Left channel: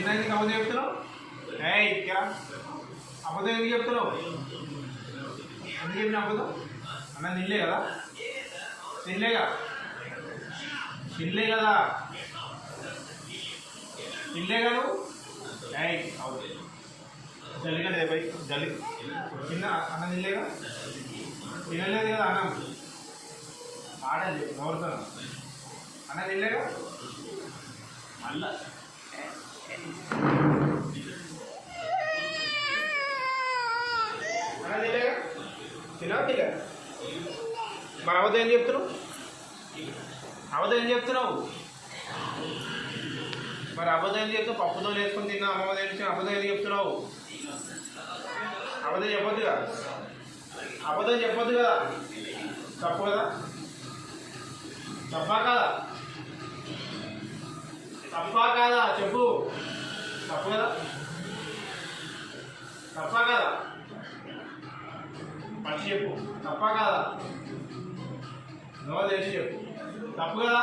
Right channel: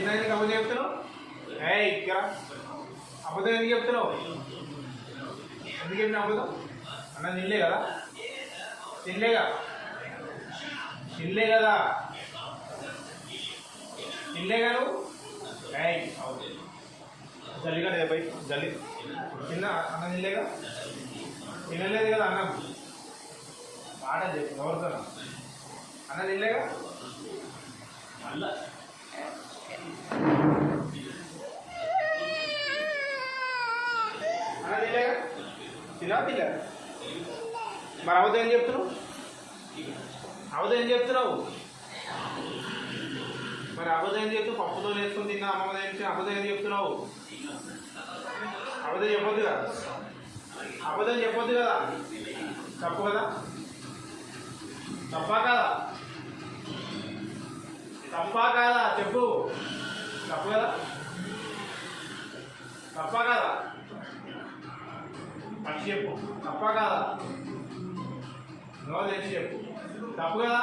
తిన్నాక అబద్ధం చెప్తున్నావు? ఇక్కడ అబద్ధం ఎందుకు చెప్తున్నావు? ఎందుకు చెప్పిన అబద్ధం? అన్న తినలే కదా, తినలేగా, తినలే కదా, తినలేగా నువ్వు. జల్లిగా లేదా పై జల్లి తిన్న అన్నం తినలేగా, తినలేదు కదా అన్నం. మాట ఎవరితో అన్నం తినలేగా మళ్ళా అన్నం తినలేగా, తినవా తినలే? మరి అవత ఏం చెప్తున్నావు? అవత ఏం చెప్తున్నావు? మరి అబద్ధం ఏం చెప్తావు? పప్పుతో నేర్చుకుని తిన్నా అమ్మమ్మ తెలిసి అబద్ధం ఏం చెప్తున్నావు? అబద్ధం చెప్పొద్దు కదా, అబద్ధం చెప్పొద్దు కదా, తప్పు కదా, తప్పా కాదా, తప్పా కాదా చెప్పు, తప్పు కదా, తప్పా కాదా పచ్చి చెప్పు, తప్పా కాదా, నో తెలిసి చెప్పు, తప్పు కదా.